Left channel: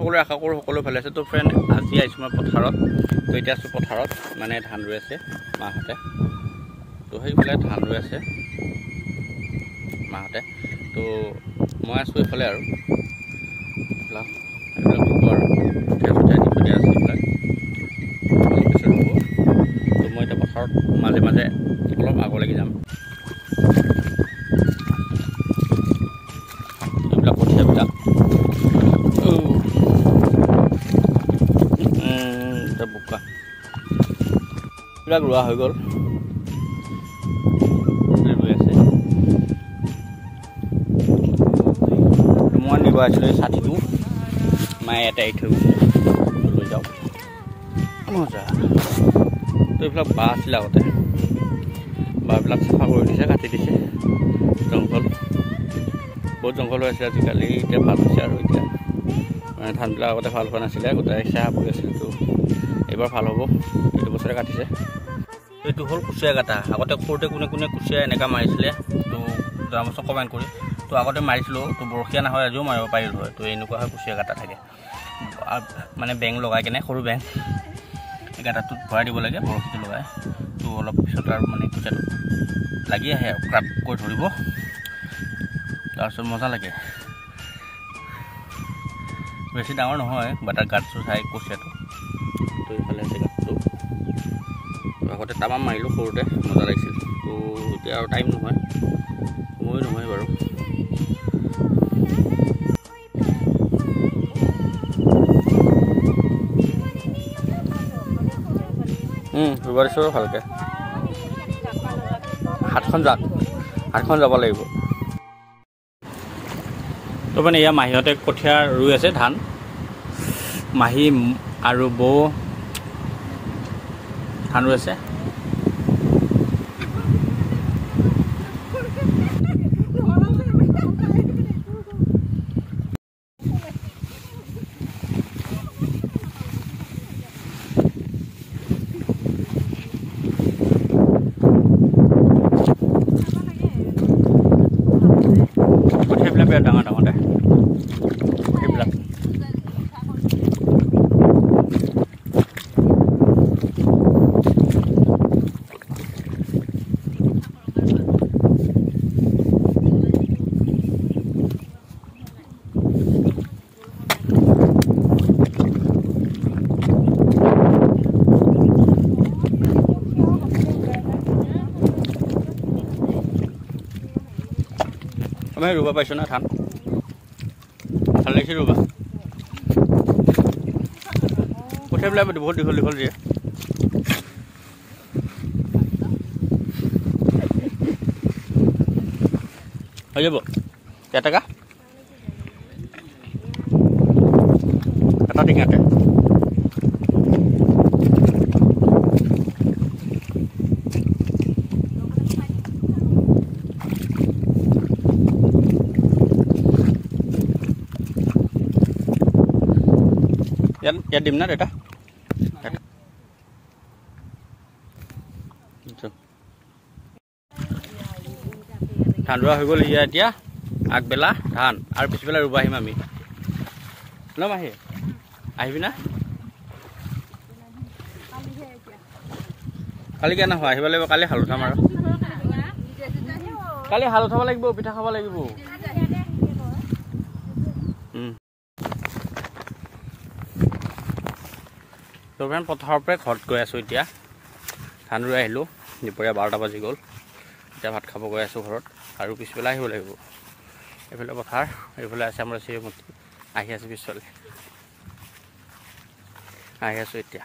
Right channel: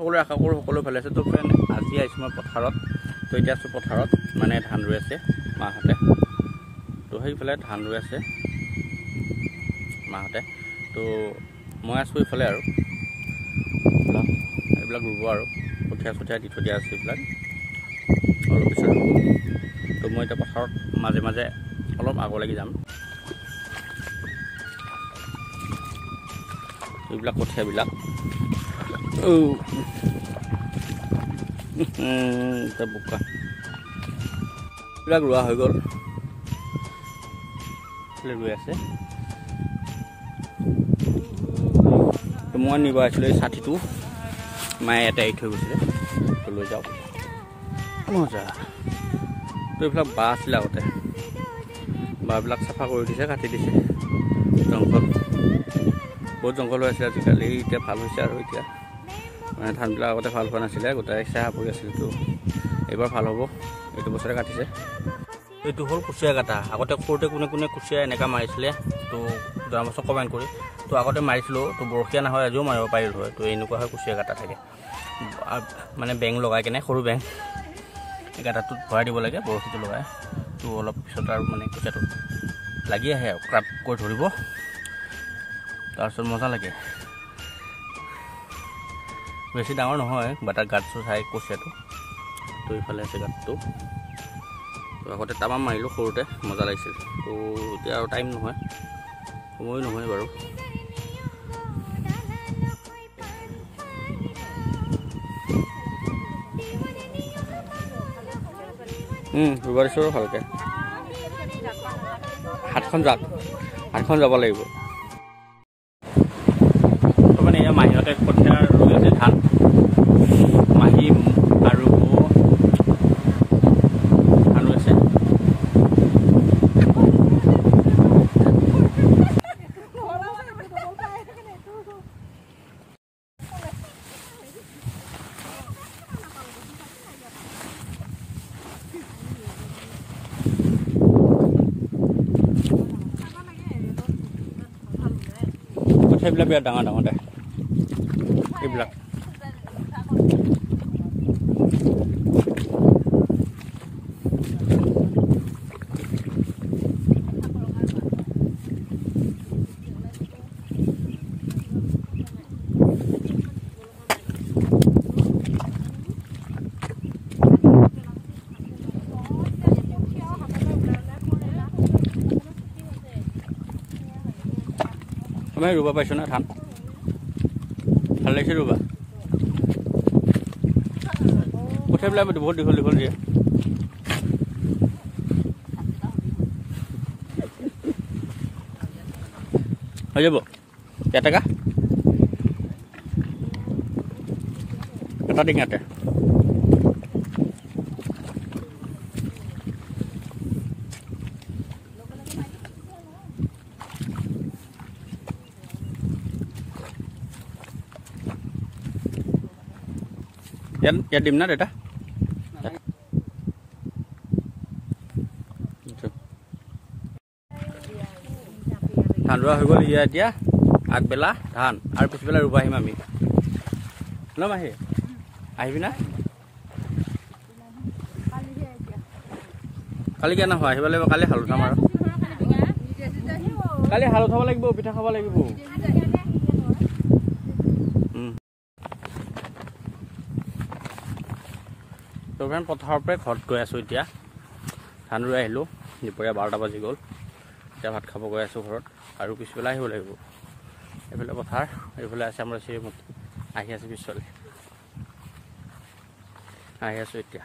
সকলোৱে আশা কৰোঁ সকলো ভালে আছে। তো ফ্ৰেণ্ড, আজি আহিছোঁ মই পথাৰত। তো এতিয়া আছোঁ পথাৰত, মানে ধান ৰুই আছে মাহঁতে। তো সেইফালে ধান ৰুই আছে মাহঁতে। তো মই আছোঁ এইফালে আৰু এইবিলাক ৰুব আৰু কঠীয়া চঠীয়া দি থৈ দিয়া আছে এইবিলাক অলপ পিছত ৰুব। তো মই এতিয়া পথাৰত মাজে মাজে অলপ আগলৈকে যাম। এইবিলাক কঠীয়াবিলাক বোকা এইবিলাক ৰোৱা হৈ গ'ল, ৰুই আছে। মই নিব আহিছিলোঁ এই ছাতিটো, মায়ে এটা এৰি থৈ গৈছে, লৈ যাওঁ মজা। তো এইবিলাক বাঁহ আছিলে আগতে, বাঁহবিলাক চাফা কৰি দিছে, কাটি দিছে। জংঘল বহুত জংঘল হৈ আছিলে, আজিকালি এতিয়া ভাল হৈছে আৰু এতিয়া মানে ধানবিলাক আগতে ভাল হোৱা নাছিলে, গোটেই চাহ পৰি আছিল। তো এইবাৰ ভাল হ'ব, এইটো বছৰে কাটিছে। এইটো হ'ল কুচিয়া কাটা। আগতে সৰুতে কোনে কোনে কুচিয়া এনেকুৱা মাৰিছিলে, তো যোৱা বছৰ কমেণ্ট কৰি। তো আগতে মাৰিছিলোঁ, তো বৰশীয়া নহয়, আজিও মাৰিব পাৰিলোঁ হয়। তো এনেকুৱা হয় কুচিয়া কাটা থাকে, মানে বেং লগাই কেনে, সৰু বেং গাঁতাটোত ভৰাই দিব লাগে, বৰশীটো লগাই। তো অলপ পিছত আৰু মানে কুচিয়াটো লাগি আহে আৰু ক্ৰাপ কৰি ধৰিব, তাৰপিছত মজা লাগে। বেছি ডাঙৰ নহয়, বাটাৰ গাঁতটো চাই কুচিয়াটো। তো এইফালে আছে গাঁতটো। তো আগতে তামাম মাৰিলোঁ সৰুতে, মজা লাগিছিল। তো এতিয়া আৰু টাইম নহয়, সময় নহয় বাৰু। ৰুব দিছোঁ ভালকৈ। হাতখন যাব লাগিব। তো মানে এয়া মাহীহঁতে কঠীয়া ৰুই আছে ধান, মাহী আৰু বৌ ধান ৰুই আছে। কঠীয়াবিলাক বিৰাট ডাঙৰ ডাঙৰ দে সেইবিলাক। আমি ৰুব পাইছোঁ না ধান, ভাল লাগিছে ৰুবা। কঠীয়াবিলাক বহুত দীঘল দীঘল দিয়ে। হৈ যাব কেইটকা এটা টিঙাতে। ইয়াত দিম না দেউতা। ধান ৰোৱা হৈ গ'ল। এতিয়া আগবেলা ধান আৰু পিছবেলা ৰুব আহিম আমি। ন মাহী আহিবি না? কালি কিয় নাহোঁ, আহিব লাগিব। কালি হাল উঠাম আৰু কালি হাল উঠাব লাগিব, পিঠা খাব লাগিব। তো ফ্ৰেণ্ড, পথাৰৰ পৰাই ঘৰত গৈ আছোঁ এতিয়া। ধান ৰুই আহিলোঁ, দুপৰীয়া 12টা বাজি গ'ল। এতিয়া ভাত খাব গৈ আছোঁ ঘৰত, আৰু পিছবেলা আহিব লাগিব। এইফালে পথাৰ, এইফালে আছে আমাৰ শ্ৰীমতী, আহি আছে পিছফালে। আহি আছোঁ এতিয়া।